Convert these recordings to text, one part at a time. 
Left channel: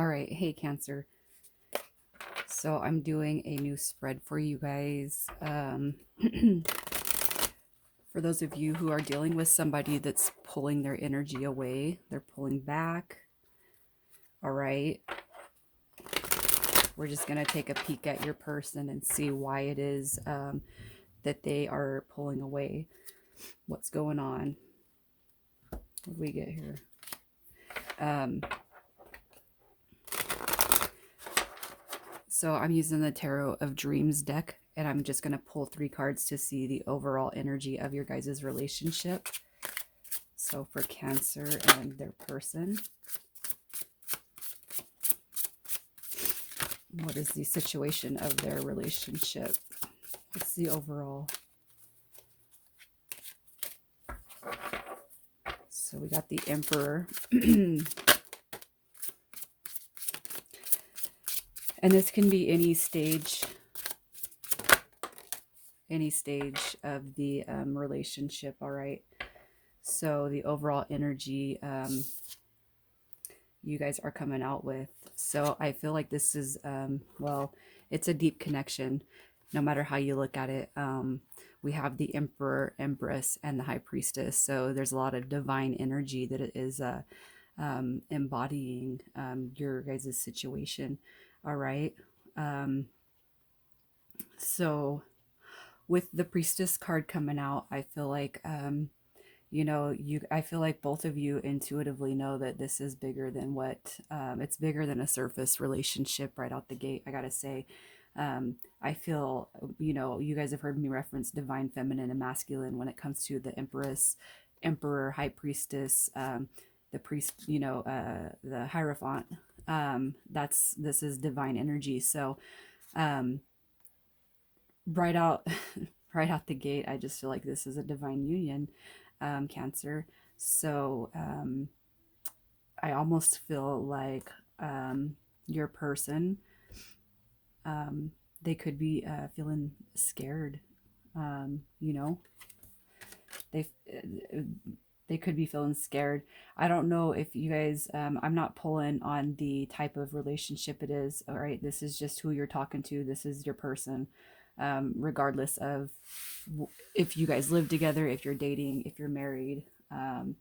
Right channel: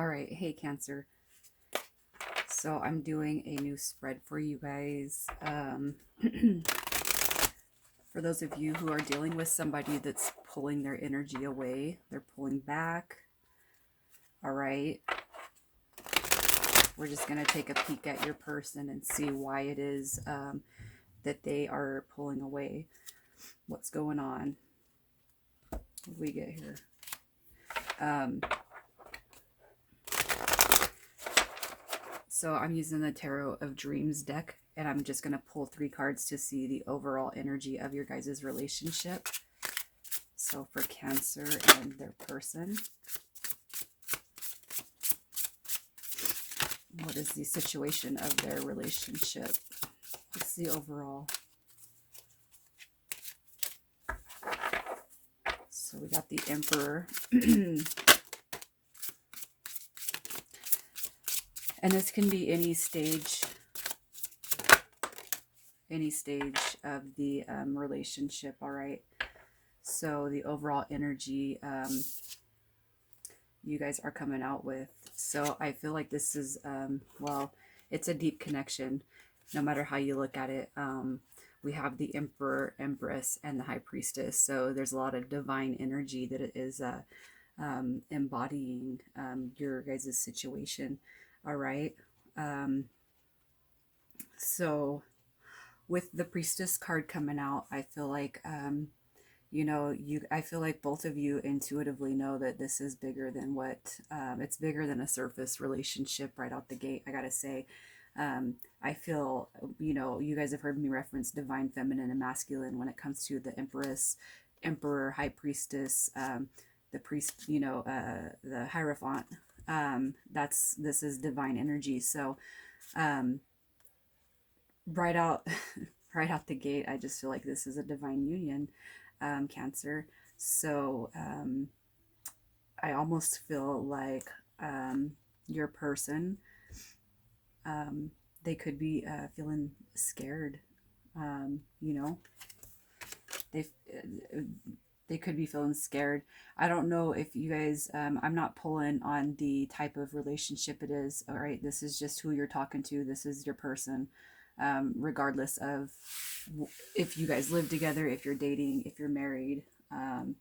All right, hey Cancer. So I'm doing a new spread for you guys. For those of you who are dealing with somebody that's pulling their energy away, they're pulling back. All right. We're just going to take a peek at your person and see why it is that they are pulling away. What's going on? What do we get here? So I'm using the Tarot of Dreams deck, and I'm just going to pull 3 cards to see the overall energy of your guys' relationship. So for Cancer and their person, what is the situation of their relationship? What's the overall? So we got the Emperor. And this can be any stage of the relationship, all right? So the overall energy you guys are coming out with. So I feel like this is, well, it's a deep connection, no matter how you look at it. We have the Emperor, Empress, and the High Priestess. So there's a lot of divine energy that it is embodying your guys' situation. All right. So with the Priestess card coming out, I feel like, I feel like both of you intuitively know that this is bigger than what, it's bigger than a surface relationship right out the gate. I gotta say, I feel, you guys have heard me reference divine feminine and masculine when it comes to the Empress, Emperor, High Priestess, the priest, the Hierophant. This is divine energy. So right out right out the gate, I just feel like this is a divine union, Cancer. So I almost feel like your person, they could be feeling scared. They they could be feeling scared. I don't know if you guys, I'm not pulling on the type of relationship it is. All right, this is just who you're talking to. This is your person, regardless of if you guys live together, if you're dating, if you're married. I'm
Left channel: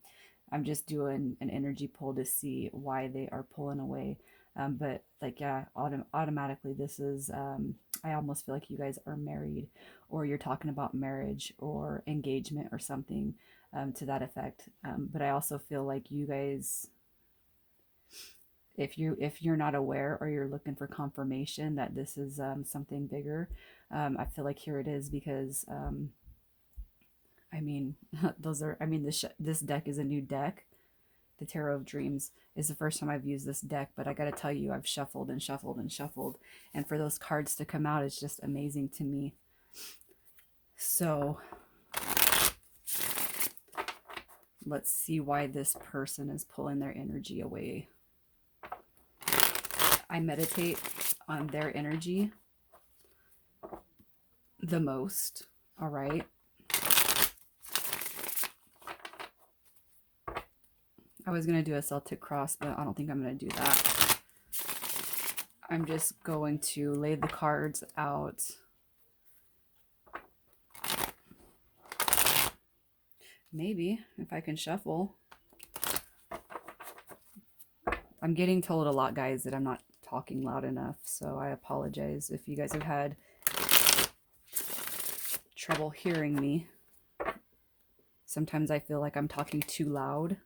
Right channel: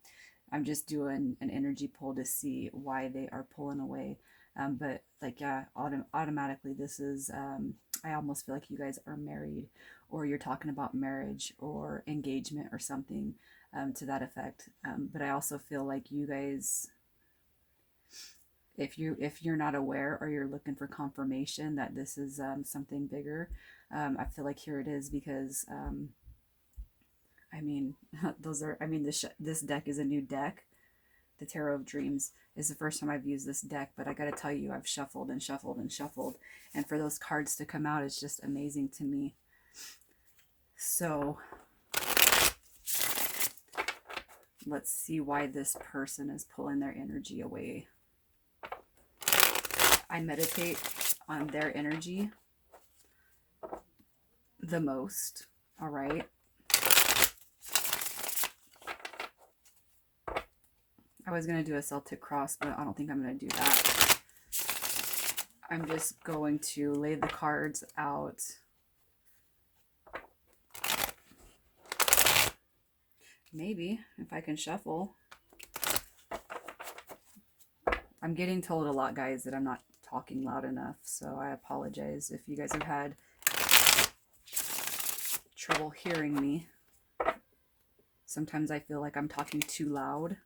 just doing an energy pull to see why they are pulling away. But like, yeah, automatically this is, I almost feel like you guys are married, or you're talking about marriage or engagement or something to that effect. But I also feel like you guys, if you're not aware or you're looking for confirmation that this is something bigger, I feel like here it is, because I mean, this deck is a new deck. The Tarot of Dreams is the first time I've used this deck, but I got to tell you, I've shuffled and shuffled and shuffled, and for those cards to come out is just amazing to me. So let's see why this person is pulling their energy away. I meditate on their energy the most, all right? I was going to do a Celtic cross, but I don't think I'm going to do that. I'm just going to lay the cards out. Maybe, if I can shuffle. I'm getting told a lot, guys, that I'm not talking loud enough, so I apologize if you guys have had trouble hearing me. Sometimes I feel like I'm talking too loud.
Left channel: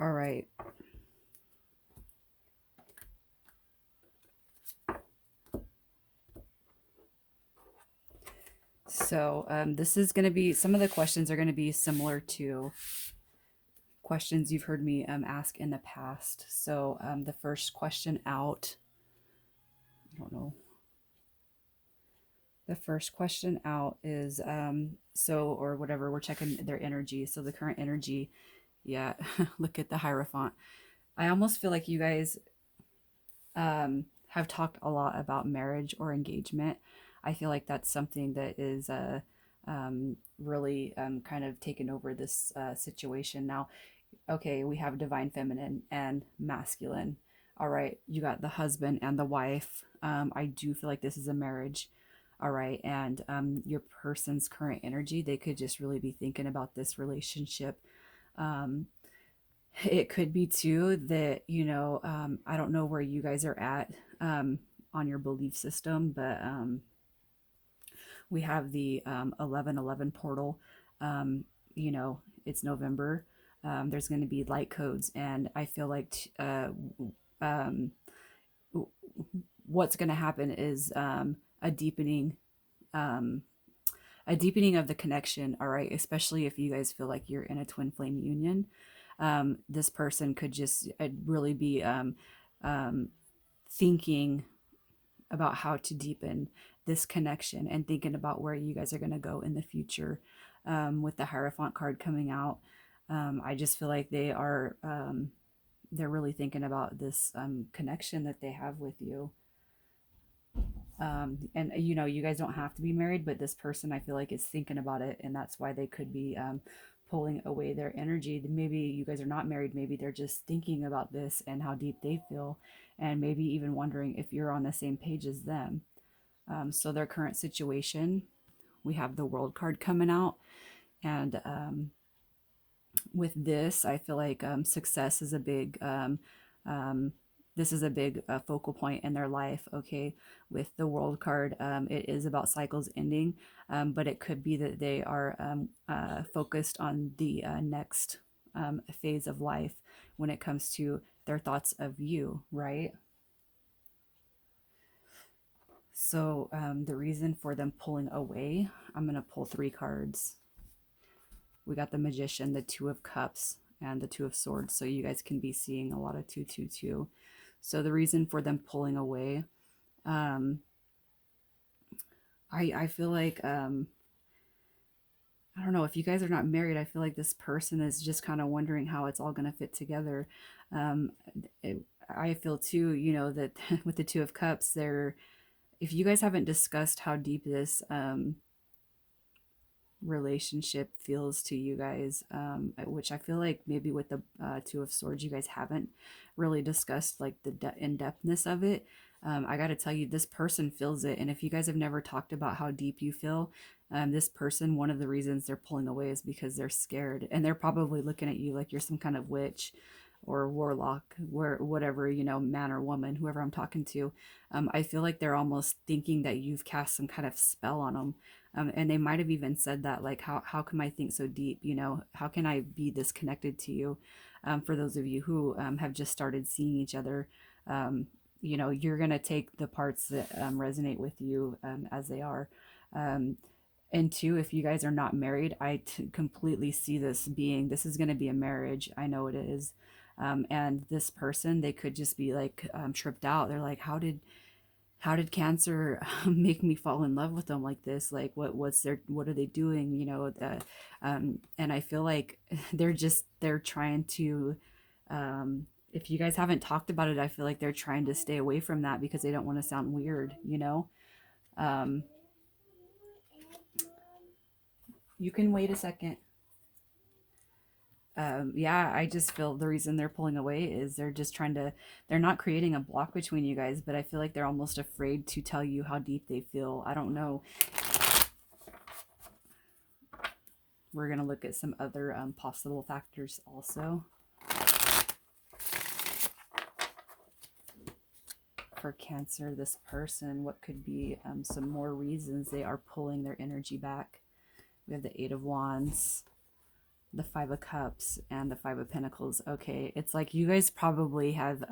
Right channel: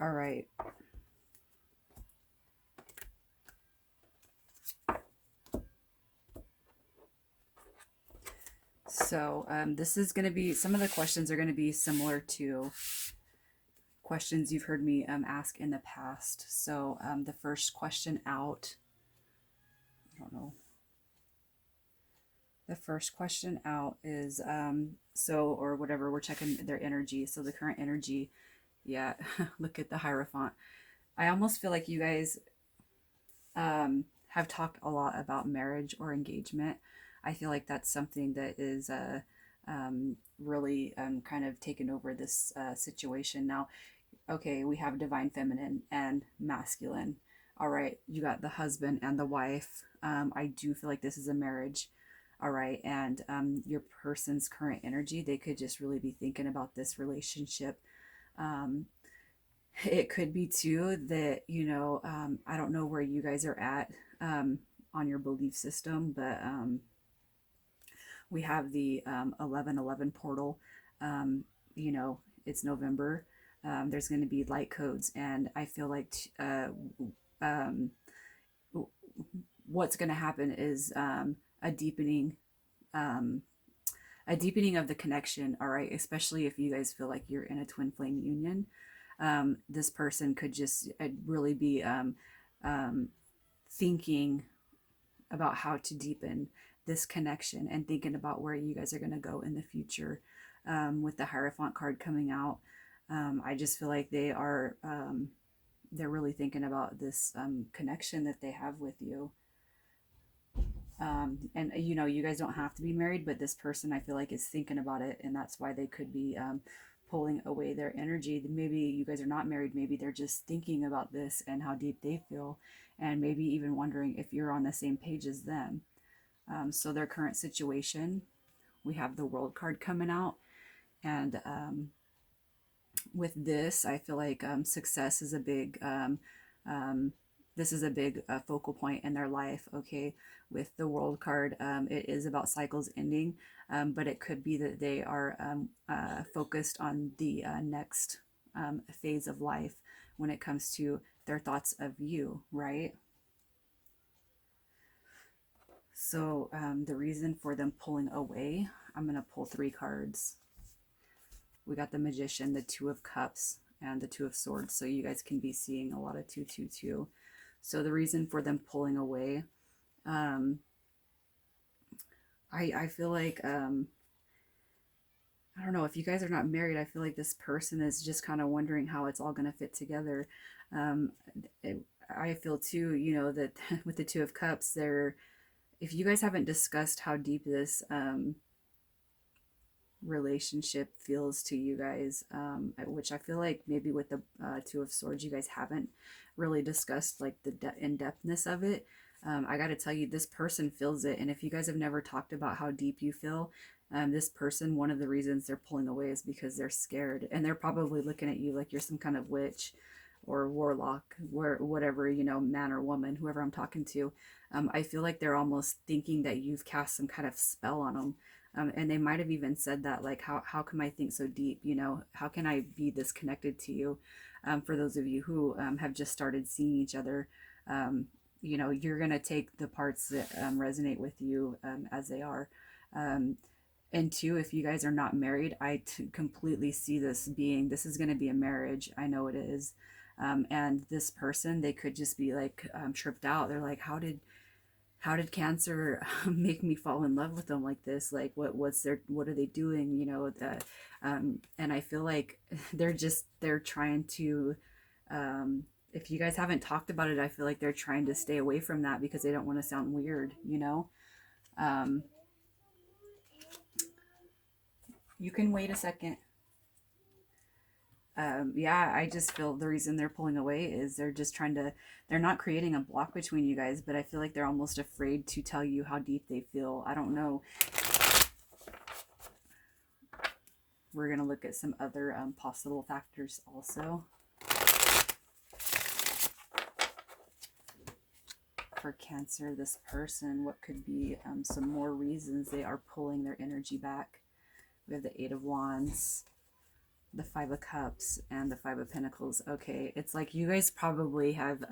All right. So this is going to be, some of the questions are going to be similar to questions you've heard me ask in the past. So the first question out, I don't know. The first question out is, or whatever, we're checking their energy. So the current energy, yeah, look at the Hierophant. I almost feel like you guys have talked a lot about marriage or engagement. I feel like that's something that is really kind of taken over this situation now. Okay, we have divine feminine and masculine. All right, you got the husband and the wife. I do feel like this is a marriage. All right, and your person's current energy, they could just really be thinking about this relationship. Um, it could be too that, I don't know where you guys are at on your belief system, but we have the 1111 portal. Um, it's November. There's going to be light codes, and I feel like um, what's going to happen is a deepening. Um, a deepening of the connection, all right, especially if you guys feel like you're in a twin flame union. This person could just really be um, thinking about how to deepen this connection and thinking about where you guys are going to go in the future. With the Hierophant card coming out, I just feel like they're really thinking about this connection that they have with you. And you guys don't have to be married, but this person I feel like is thinking about it, and that's why they could be pulling away their energy. Maybe you guys are not married, maybe they're just thinking about this and how deep they feel, and maybe even wondering if you're on the same page as them. So their current situation, we have the World card coming out, and with this, I feel like success is a big um, this is a big focal point in their life. Okay, with the World card, it is about cycles ending, but it could be that they are focused on the next phase of life when it comes to their thoughts of you, right? So the reason for them pulling away, I'm going to pull three cards. We got the Magician, the Two of Cups, and the Two of Swords. So you guys can be seeing a lot of 222. So the reason for them pulling away, um, I feel like I don't know, if you guys are not married, I feel like this person is just kind of wondering how it's all going to fit together. Um, it, I feel too, that with the Two of Cups, if you guys haven't discussed how deep this relationship feels to you guys, which I feel like maybe with the Two of Swords, you guys haven't really discussed like the in-depthness of it. I got to tell you, this person feels it. And if you guys have never talked about how deep you feel, this person, one of the reasons they're pulling away is because they're scared. And they're probably looking at you like you're some kind of witch or warlock, whatever, man or woman, whoever I'm talking to. I feel like they're almost thinking that you've cast some kind of spell on them. And they might have even said that, like, how can I think so deep? How can I be this connected to you? For those of you who have just started seeing each other, you're going to take the parts that resonate with you as they are. Um, and two, if you guys are not married, completely see this is going to be a marriage. I know it is. And this person, they could just be like tripped out. They're like, how did cancer make me fall in love with them like this? Like what are they doing, and I feel like they're trying to if you guys haven't talked about it, I feel like they're trying to stay away from that because they don't want to sound weird. um you can wait a second. Yeah, I just feel the reason they're pulling away is they're not creating a block between you guys, but I feel like they're almost afraid to tell you how deep they feel. I don't know. We're going to look at some other possible factors also for Cancer. This person, what could be some more reasons they are pulling their energy back? We have the Eight of Wands, the Five of Cups, and the Five of Pentacles. Okay, it's like you guys probably have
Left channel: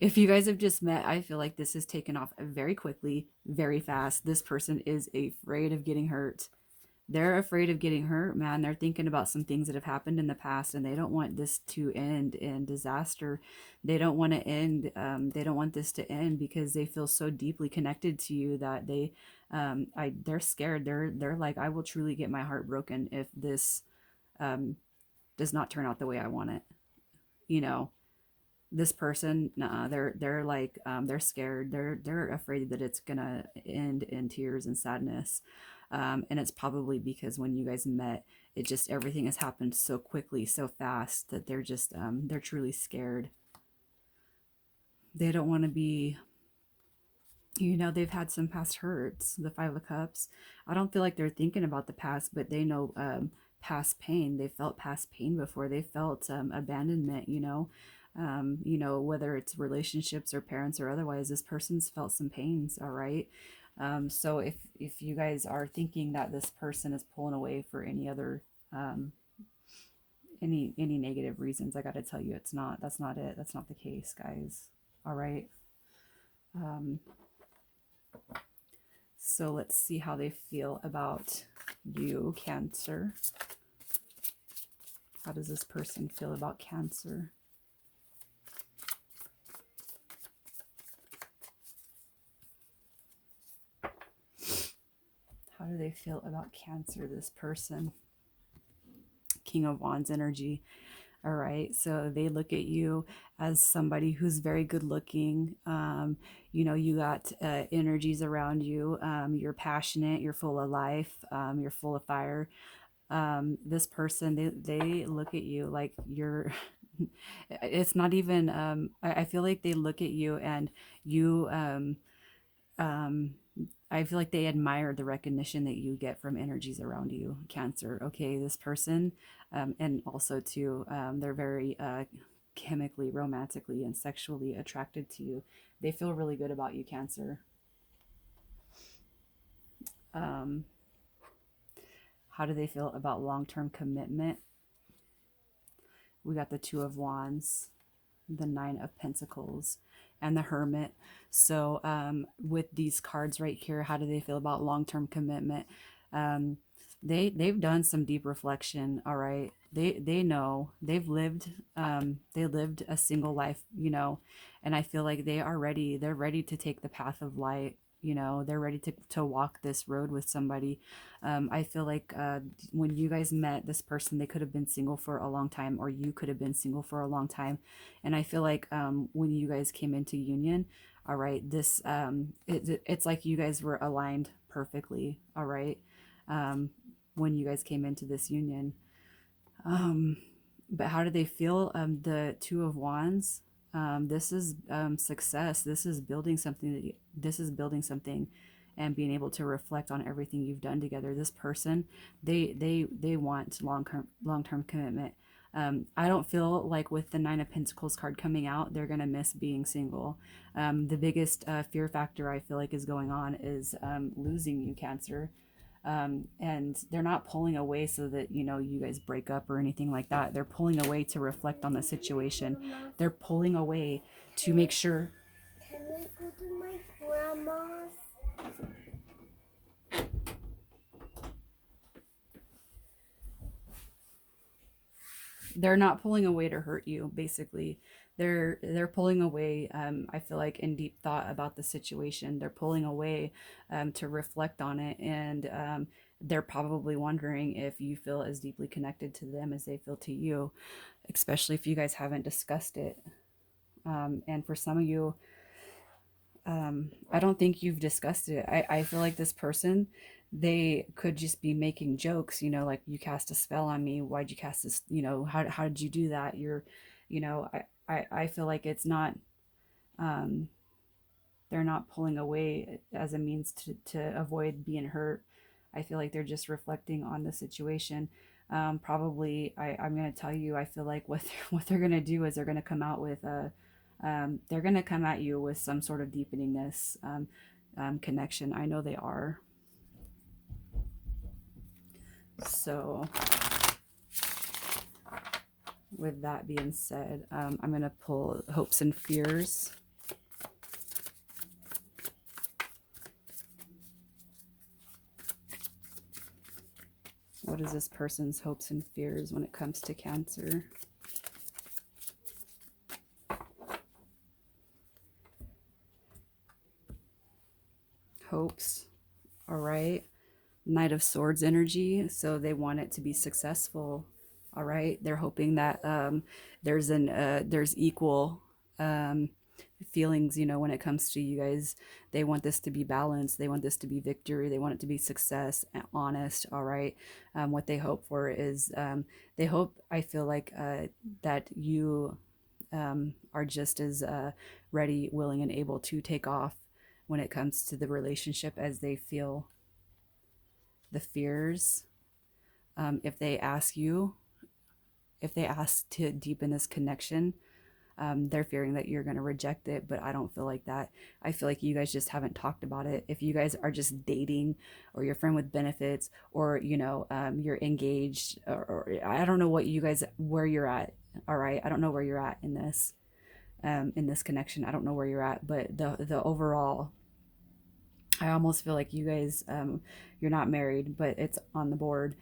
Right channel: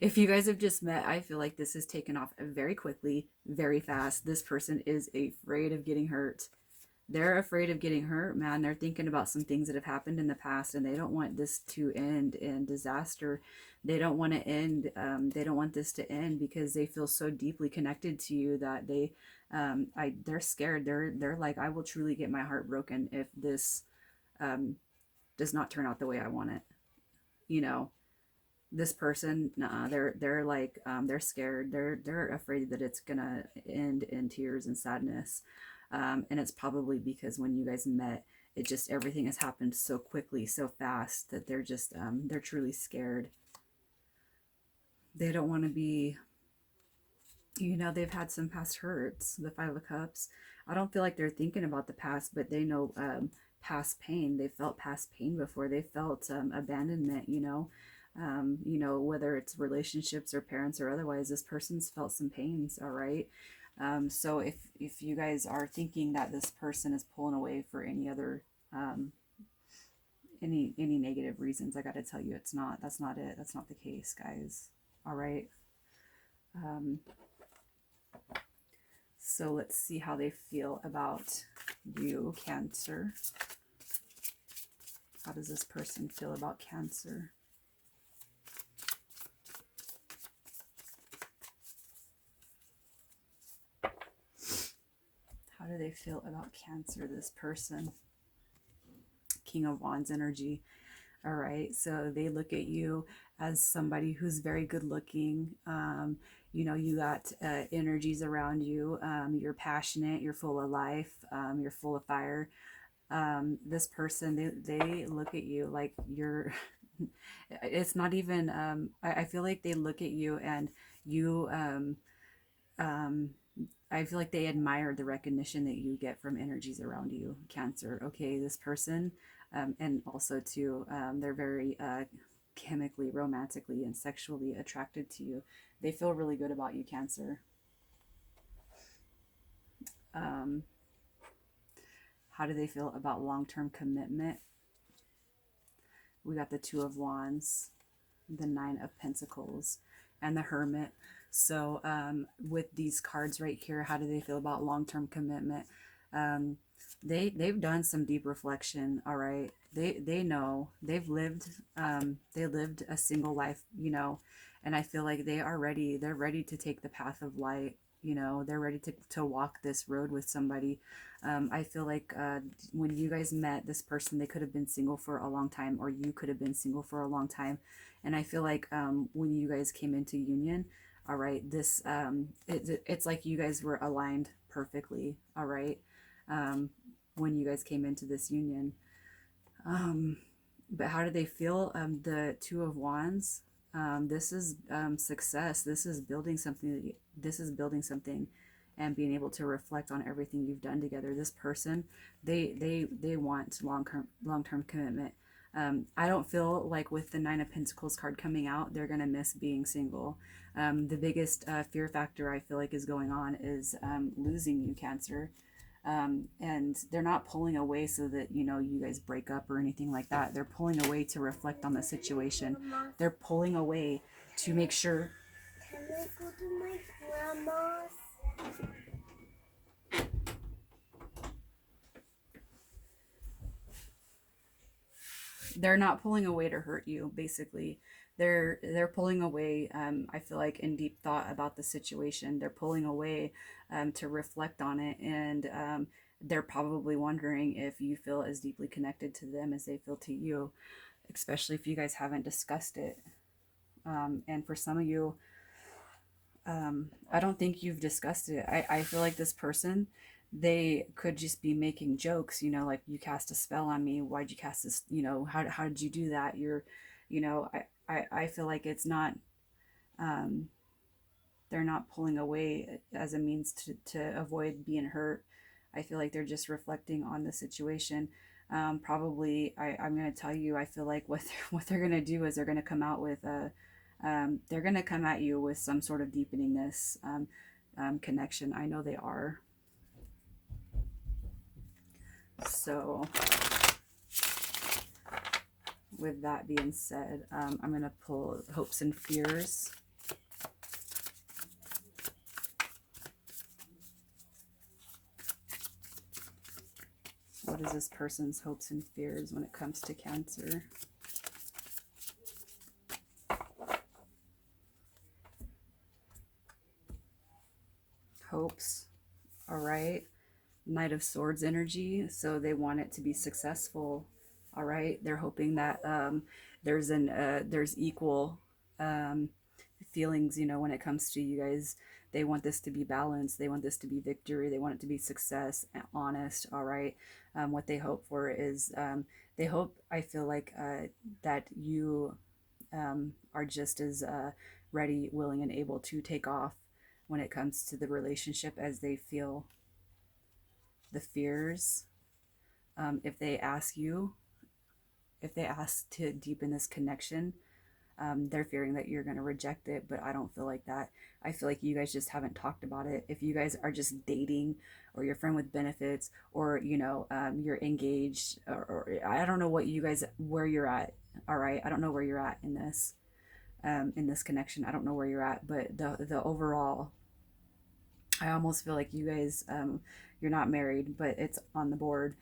if you guys have just met, I feel like this has taken off very quickly, very fast. This person is afraid of getting hurt. They're afraid of getting hurt, man. They're thinking about some things that have happened in the past, and they don't want this to end in disaster. They don't want to end. They don't want this to end because they feel so deeply connected to you that they're scared. They're like, I will truly get my heart broken if this does not turn out the way I want it. You know, this person, they're like, they're scared. They're afraid that it's gonna end in tears and sadness. And it's probably because when you guys met, it just everything has happened so quickly, so fast that they're just they're truly scared. They don't want to be, they've had some past hurts. The Five of Cups. I don't feel like they're thinking about the past, but they know past pain. They felt past pain before. They felt abandonment. Whether it's relationships or parents or otherwise, this person's felt some pains. All right. So if you guys are thinking that this person is pulling away for any other any negative reasons, I got to tell you, it's not. That's not it. That's not the case, guys. All right. Um, So let's see how they feel about you, Cancer. How does this person feel about Cancer? How do they feel about Cancer, this person? King of Wands energy. All right. So they look at you as somebody who's very good looking. You got energies around you. You're passionate. You're full of life. You're full of fire. This person, they look at you like you're, it's not even, I feel like they look at you and you, um, I feel like they admire the recognition that you get from energies around you, Cancer. Okay, this person, and also too, they're very chemically, romantically, and sexually attracted to you. They feel really good about you, Cancer. Um, how do they feel about long-term commitment? We got the Two of Wands, the Nine of Pentacles, and the Hermit. So with these cards right here, how do they feel about long-term commitment? Um, they've done some deep reflection. All right, they know they lived a single life, and I feel like they're ready to take the path of light. They're ready to walk this road with somebody. I feel like when you guys met this person, they could have been single for a long time, or you could have been single for a long time. And I feel like when you guys came into union, all right, it's like you guys were aligned perfectly. All right. Um, when you guys came into this union. Um, but how do they feel? The Two of Wands. This is success. This is building something, and being able to reflect on everything you've done together. This person, they want long term commitment. I don't feel like with the Nine of Pentacles card coming out, they're gonna miss being single. The biggest fear factor I feel like is going on is losing you, Cancer. And they're not pulling away so that you guys break up or anything like that. They're pulling away to reflect on the situation. They're pulling away to make sure. Can I go to my grandma's? They're not pulling away to hurt you, basically. They're pulling away, I feel like, in deep thought about the situation. They're pulling away to reflect on it, and they're probably wondering if you feel as deeply connected to them as they feel to you, especially if you guys haven't discussed it. And for some of you, I don't think you've discussed it. I feel like this person, they could just be making jokes, like, you cast a spell on me. Why'd you cast this? How did you do that? I feel like it's not, um, they're not pulling away as a means to avoid being hurt. I feel like they're just reflecting on the situation. Probably, I'm going to tell you, I feel like what they're going to do is they're going to come out with they're going to come at you with some sort of deepening this connection. I know they are. So with that being said, I'm going to pull hopes and fears. What is this person's hopes and fears when it comes to Cancer? Hopes. All right. Knight of Swords energy. So they want it to be successful. All right. They're hoping that there's equal feelings, you know, when it comes to you guys. They want this to be balanced. They want this to be victory. They want it to be success and honest. All right. What they hope for is they hope, I feel like, that you are just as ready, willing, and able to take off when it comes to the relationship as they feel the fears. If they ask you, if they ask to deepen this connection, they're fearing that you're going to reject it, but I don't feel like that. I feel like you guys just haven't talked about it. If you guys are just dating, or you're friend with benefits, or you know, you're engaged, or I don't know what you guys, where you're at. All right, I don't know where you're at in this connection. I don't know where you're at, but the overall, I almost feel like you guys, you're not married, but it's on the board.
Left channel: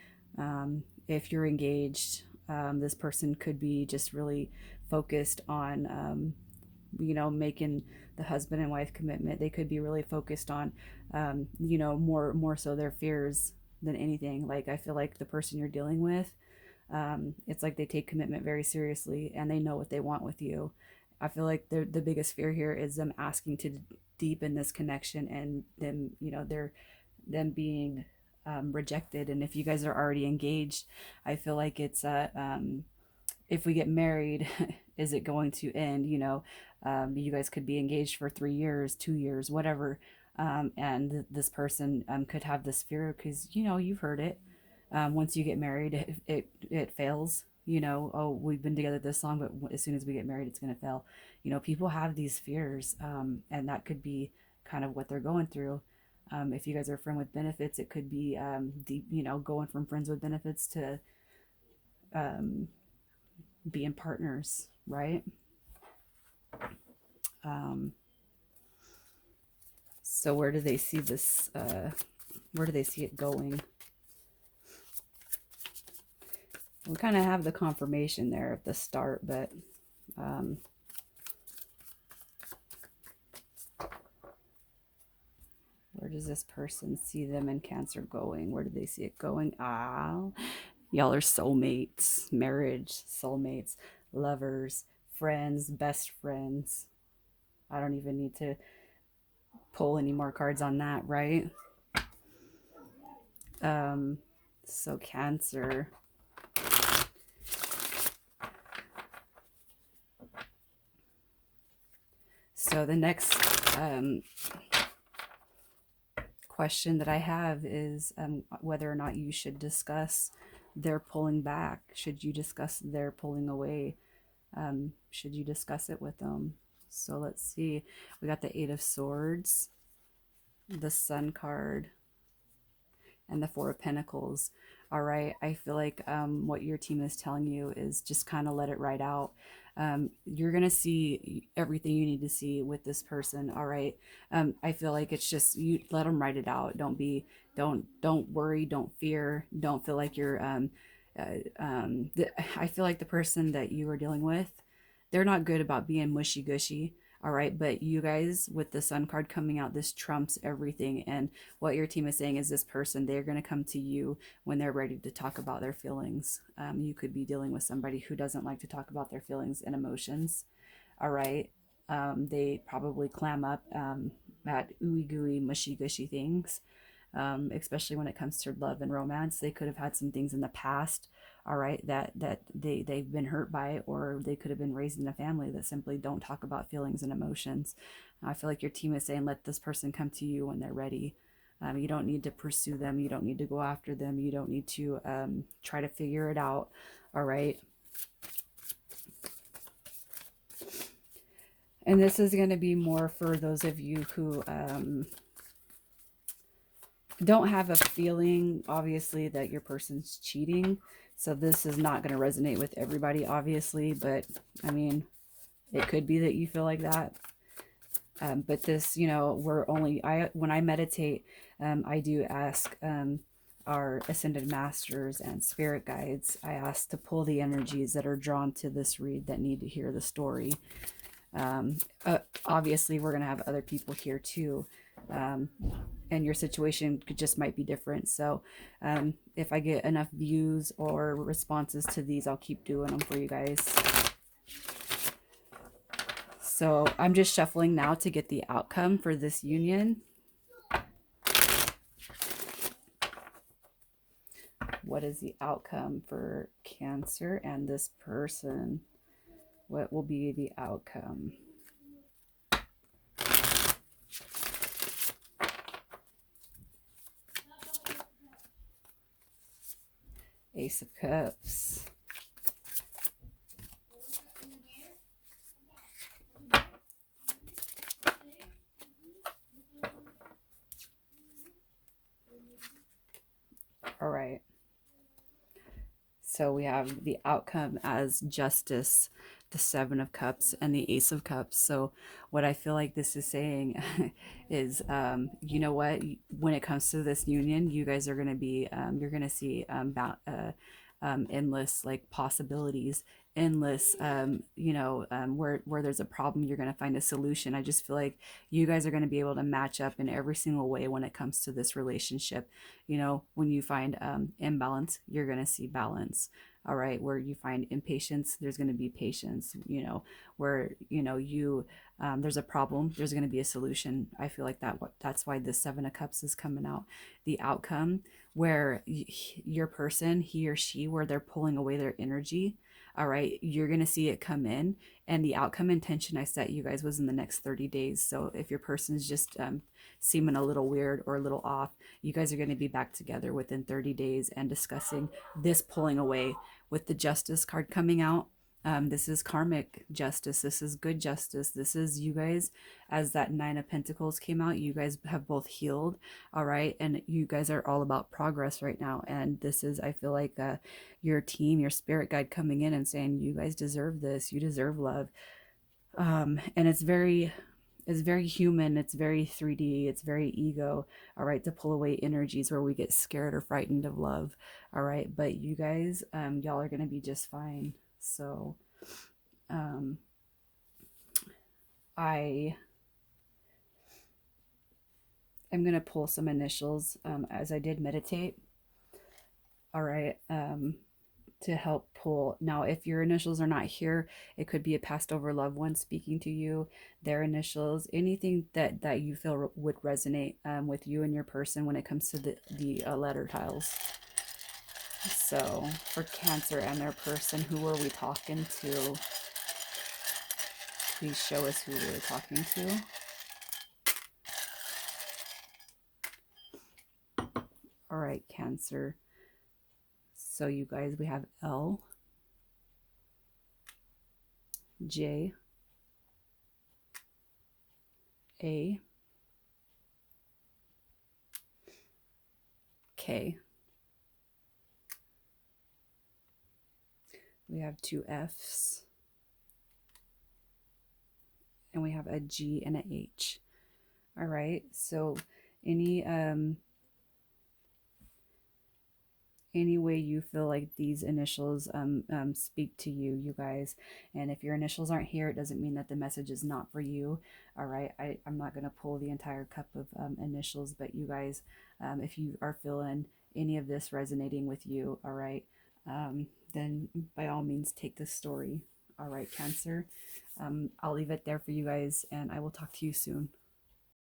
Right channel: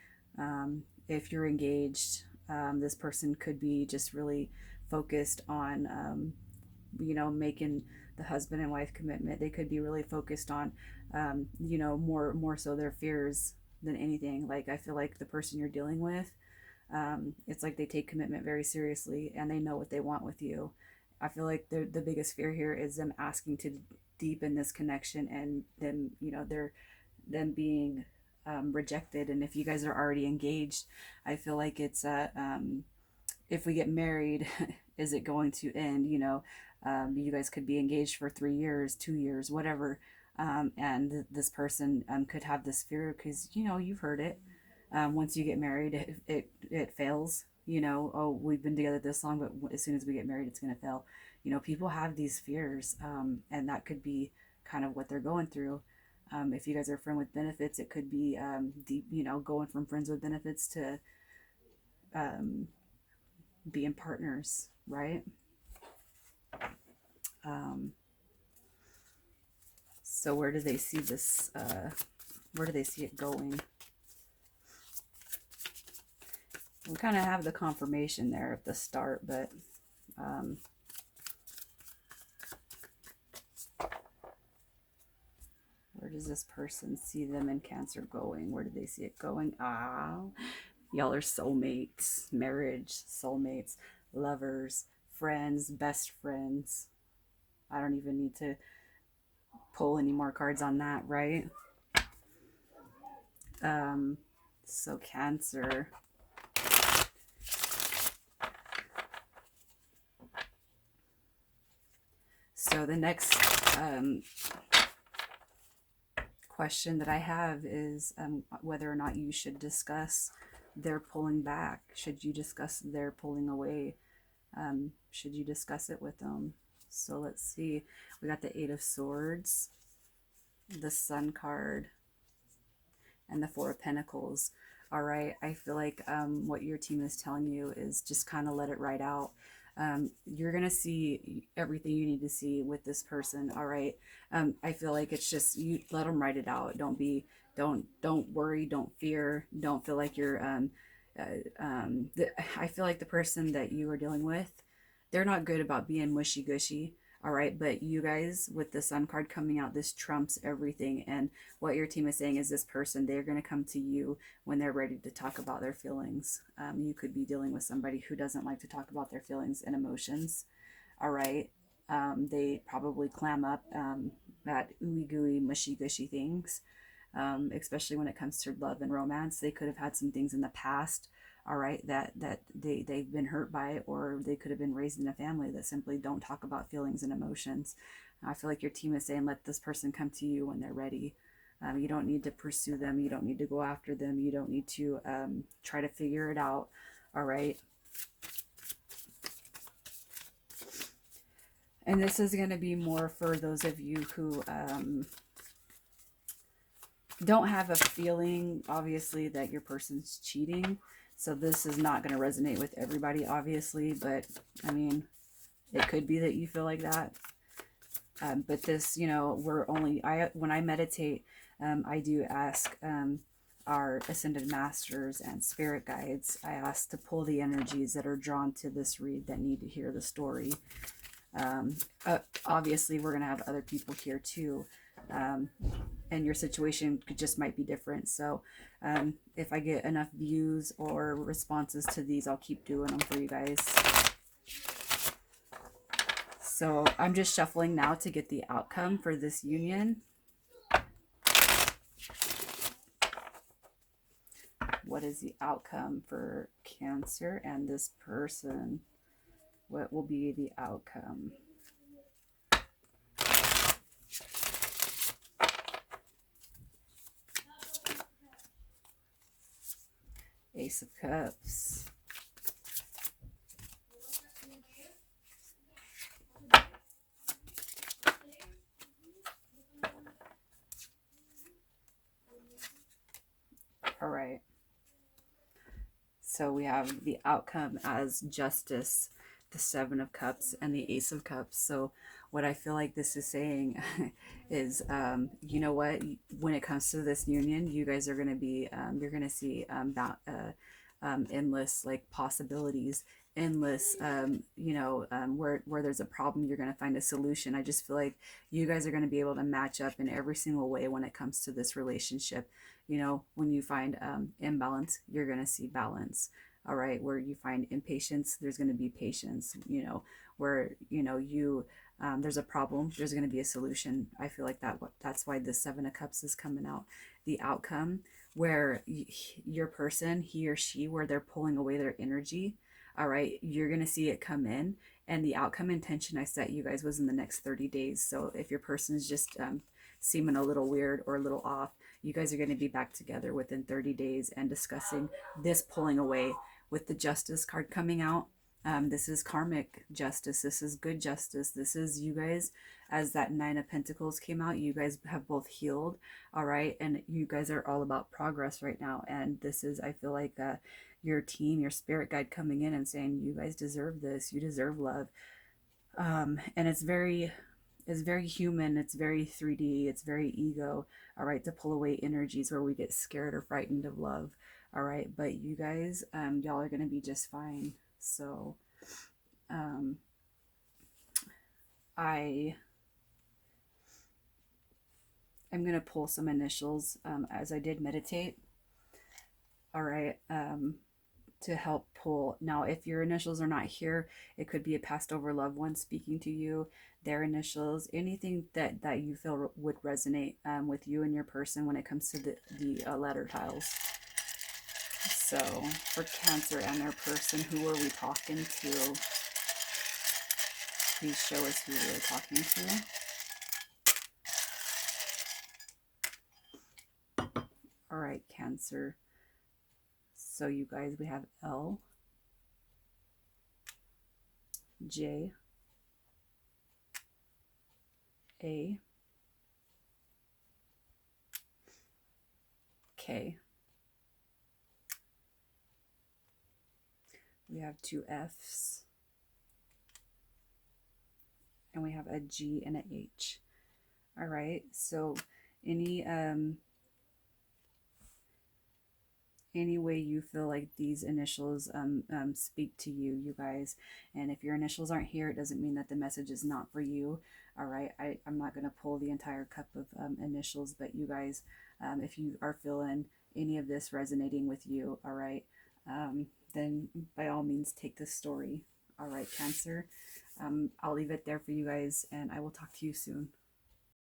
If you're engaged, this person could be just really focused on, you know, making the husband and wife commitment. They could be really focused on, you know, more so their fears than anything. Like, I feel like the person you're dealing with, it's like they take commitment very seriously and they know what they want with you. I feel like the biggest fear here is them asking to deepen this connection, and them, you know, they're them being rejected. And if you guys are already engaged, I feel like it's if we get married, is it going to end? You know, you guys could be engaged for 3 years, 2 years, whatever, and this person could have this fear because, you know, you've heard it. Once you get married, it fails. You know, oh, we've been together this long, but as soon as we get married, it's going to fail. You know, people have these fears, and that could be kind of what they're going through. If you guys are friend with benefits, it could be deep, you know, going from friends with benefits to um, being partners, right? Um, so where do they see this? Where do they see it going? We kind of have the confirmation there at the start, but where does this person see them in Cancer going? Where do they see it going? Ah, y'all are soulmates, marriage, soulmates, lovers, friends, best friends. I don't even need to pull any more cards on that, right? Um, so Cancer. So the next question that I have is whether or not you should discuss their pulling back. Should you discuss their pulling away? Should you discuss it with them? So let's see. We got the Eight of Swords, the Sun card, and the Four of Pentacles. All right. I feel like what your team is telling you is just kind of let it ride out. You're going to see everything you need to see with this person. All right. I feel like it's just, you let them write it out. Don't worry. Don't fear. Don't feel like you're, I feel like the person that you are dealing with, they're not good about being mushy gushy. All right. But you guys, with the Sun card coming out, this trumps everything. And what your team is saying is this person, they're going to come to you when they're ready to talk about their feelings. You could be dealing with somebody who doesn't like to talk about their feelings and emotions. All right. They probably clam up at ooey gooey, mushy gushy things, especially when it comes to love and romance. They could have had some things in the past, all right, that they've been hurt by, or they could have been raised in a family that simply don't talk about feelings and emotions. I feel like your team is saying, let this person come to you when they're ready. You don't need to pursue them. You don't need to go after them. You don't need to try to figure it out. All right. And this is going to be more for those of you who don't have a feeling, obviously, that your person's cheating. So this is not going to resonate with everybody, obviously. But, I mean, it could be that you feel like that. But this, you know, when I meditate, I do ask our ascended masters and spirit guides, I ask to pull the energies that are drawn to this read that need to hear the story. Obviously, we're going to have other people here too. And your situation just might be different. So if I get enough views or responses to these, I'll keep doing them for you guys. So I'm just shuffling now to get the outcome for this union. What is the outcome for Cancer and this person? What will be the outcome? Ace of Cups. All right. So we have the outcome as Justice, the Seven of Cups, and the Ace of Cups. So what I feel like this is saying is, you know what? When it comes to this union, you guys are going to be, you're going to see endless like possibilities, endless, where there's a problem, you're going to find a solution. I just feel like you guys are going to be able to match up in every single way when it comes to this relationship. When you find imbalance, you're going to see balance. All right, where you find impatience, there's going to be patience. Where you there's a problem, there's going to be a solution. I feel like that's why the Seven of Cups is coming out. The outcome where your person, he or she, where they're pulling away their energy. All right, you're going to see it come in. And the outcome intention I set you guys was in the next 30 days. So if your person's just seeming a little weird or a little off, you guys are going to be back together within 30 days and discussing this pulling away. With the Justice card coming out, this is karmic justice. This is good justice. This is you guys, as that Nine of Pentacles came out, you guys have both healed. All right. And you guys are all about progress right now. And this is, I feel like, your team, your spirit guide coming in and saying, you guys deserve this. You deserve love. And it's very human, it's very 3D, it's very ego. All right, to pull away energies where we get scared or frightened of love. All right, but you guys, y'all are gonna be just fine. So um I am gonna pull some initials as I did meditate. All right, to help pull. Now, if your initials are not here, it could be a passed over loved one speaking to you, their initials, anything that you feel would resonate with you and your person when it comes to the letter tiles. So for Cancer and their person, who are we talking to? Please show us who we're talking to. All right, Cancer. So you guys, we have L, J, A, K. We have two F's. And we have a G and an H. All right. So any way you feel like these initials speak to you, you guys. And if your initials aren't here, it doesn't mean that the message is not for you. All right. I'm not going to pull the entire cup of initials, but you guys, if you are feeling any of this resonating with you, all right, then by all means take this story. All right, Cancer. I'll leave it there for you guys, and I will talk to you soon.